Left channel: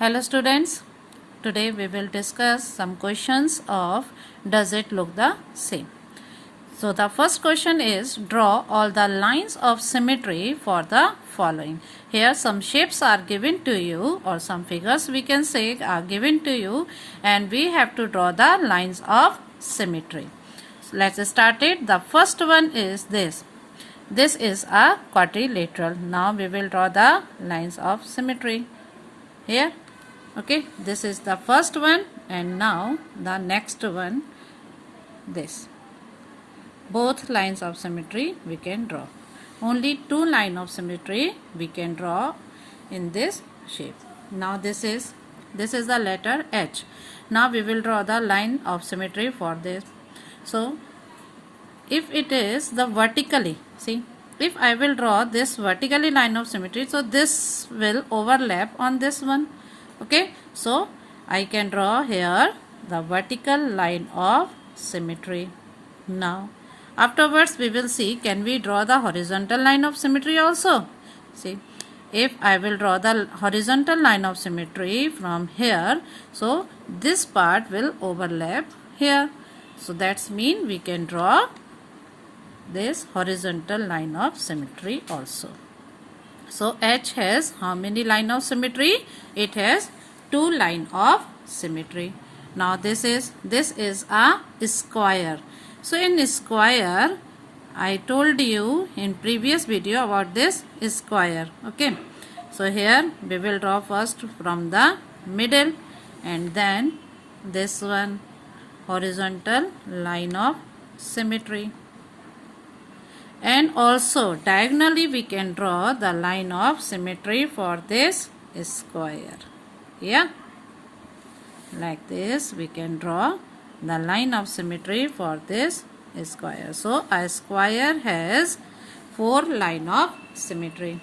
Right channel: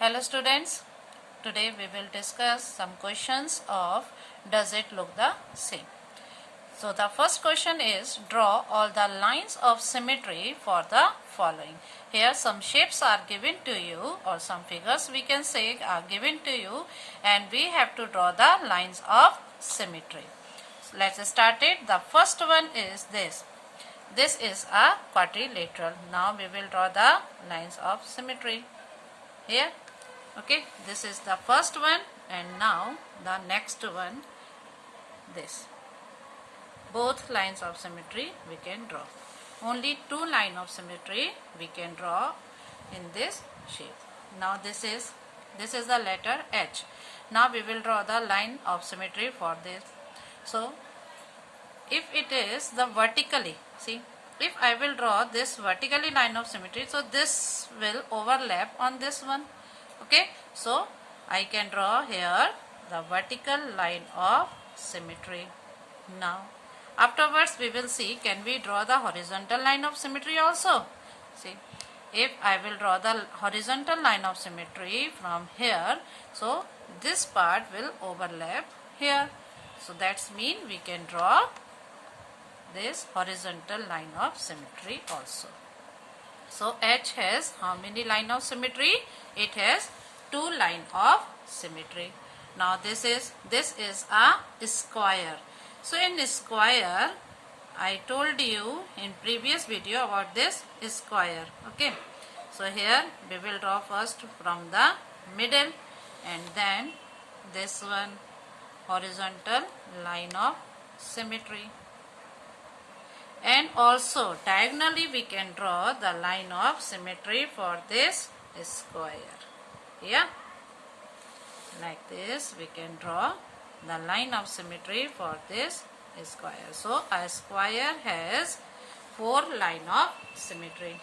Hello students, today we will discuss some questions of does it look the same. So the first question is draw all the lines of symmetry for the following. Here some shapes are given to you or some figures we can say are given to you and we have to draw the lines of symmetry. So let's start it. The first one is this. This is a quadrilateral. Now we will draw the lines of symmetry here. Okay, this is the first one and now the next one, this. Both lines of symmetry we can draw. Only two lines of symmetry we can draw in this shape. Now this is the letter H. Now we will draw the line of symmetry for this. So if it is the vertically, see, if I will draw this vertically line of symmetry, so this will overlap on this one. Okay, so I can draw here the vertical line of symmetry. Now afterwards we will see, can we draw the horizontal line of symmetry also? See, if I will draw the horizontal line of symmetry from here, so this part will overlap here. So that's mean we can draw this horizontal line of symmetry also. So H has how many line of symmetry? It has two line of symmetry. Now this is a square. So in square, I told you in previous video about this square. Okay. So here we will draw first from the middle and then this one horizontal line of symmetry. And also diagonally we can draw the line of symmetry for this square. Yeah, like this we can draw the line of symmetry for this square. So a square has four line of symmetry.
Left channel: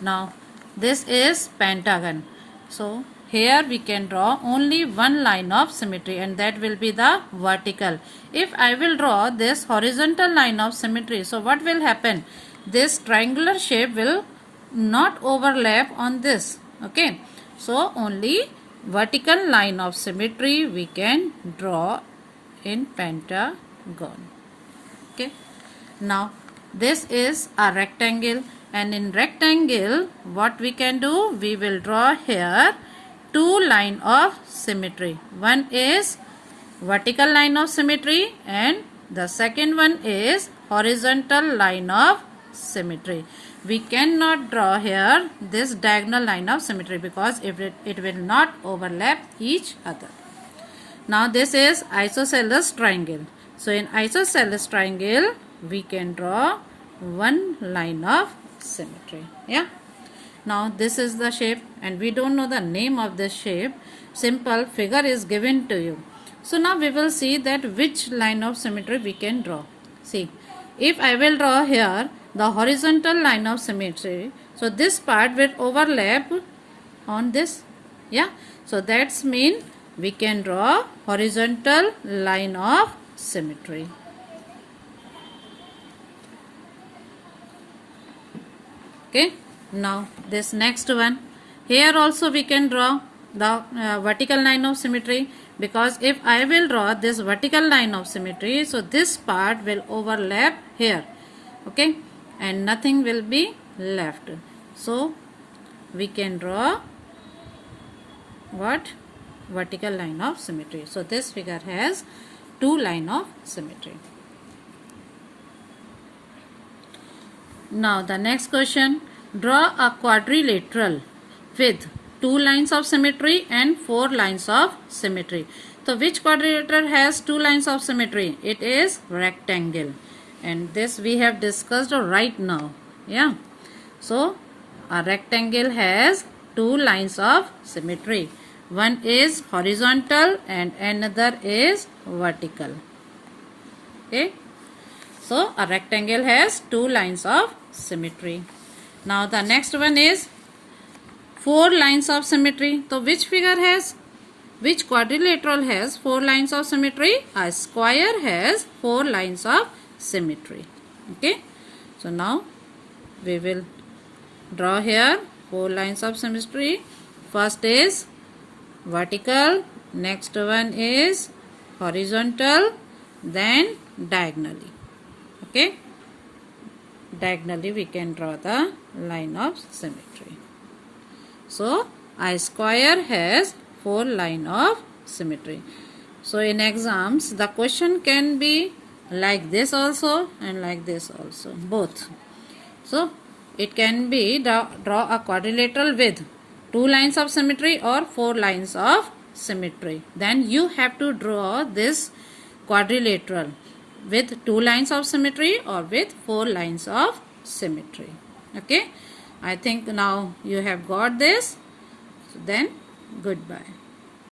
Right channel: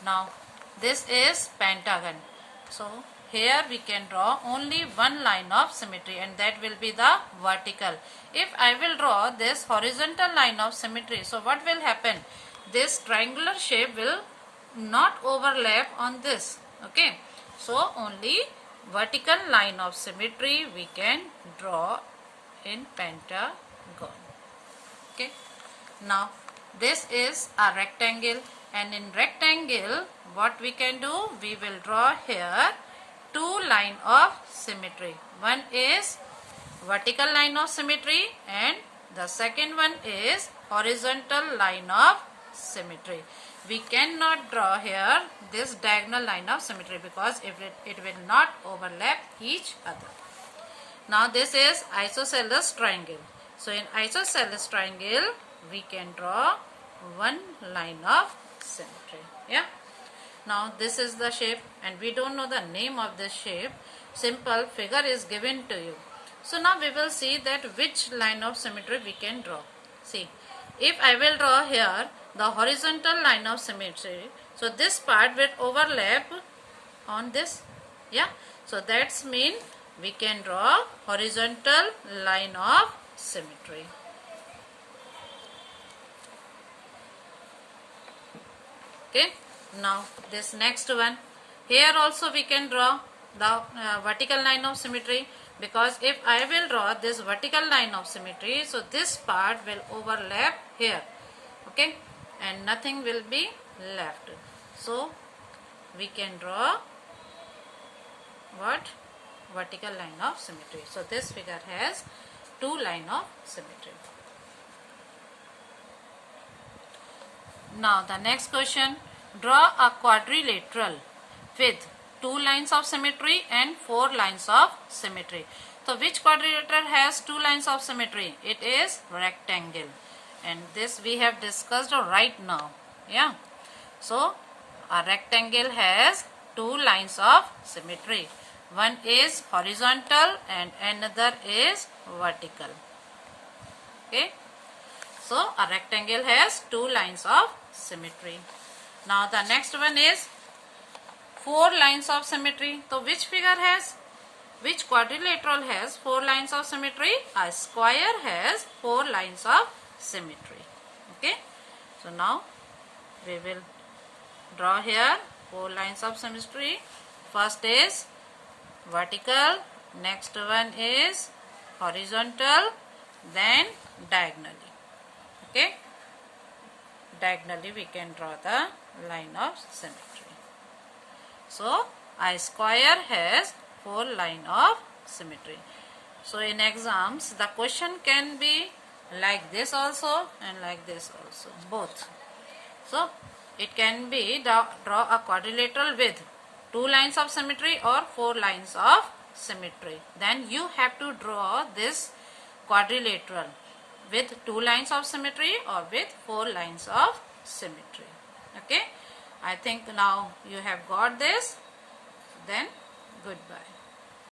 Now this is pentagon. So here we can draw only one line of symmetry and that will be the vertical. If I will draw this horizontal line of symmetry, so what will happen? This triangular shape will not overlap on this. Okay, so only vertical line of symmetry we can draw in pentagon. Okay, now this is a rectangle and in rectangle what we can do? We will draw here two line of symmetry. One is vertical line of symmetry and the second one is horizontal line of symmetry. We cannot draw here this diagonal line of symmetry because it will not overlap each other. Now this is isosceles triangle. So in isosceles triangle we can draw one line of symmetry. Yeah. Now this is the shape and we don't know the name of this shape. Simple figure is given to you. So now we will see that which line of symmetry we can draw. See, if I will draw here the horizontal line of symmetry, so this part will overlap on this. Yeah, so that's mean we can draw horizontal line of symmetry. Okay. Now this next one, here also we can draw the vertical line of symmetry, because if I will draw this vertical line of symmetry, so this part will overlap here. Okay, and nothing will be left. So we can draw what? Vertical line of symmetry. So this figure has two line of symmetry. Now the next question, draw a quadrilateral with two lines of symmetry and four lines of symmetry. So which quadrilateral has two lines of symmetry? It is rectangle, and this we have discussed right now. Yeah, so a rectangle has two lines of symmetry. One is horizontal and another is vertical. Okay, so a rectangle has two lines of symmetry. Now the next one is four lines of symmetry. So which quadrilateral has four lines of symmetry? A square has four lines of symmetry. Okay, so now we will draw here four lines of symmetry first is vertical, next one is horizontal, then diagonally. Okay, diagonally we can draw the line of symmetry. So a square has 4 lines of symmetry. So in exams the question can be like this also and like this also, both. So it can be draw a quadrilateral with 2 lines of symmetry or 4 lines of symmetry. Then you have to draw this quadrilateral with 2 lines of symmetry or with 4 lines of symmetry. Okay, I think now you have got this. Then goodbye.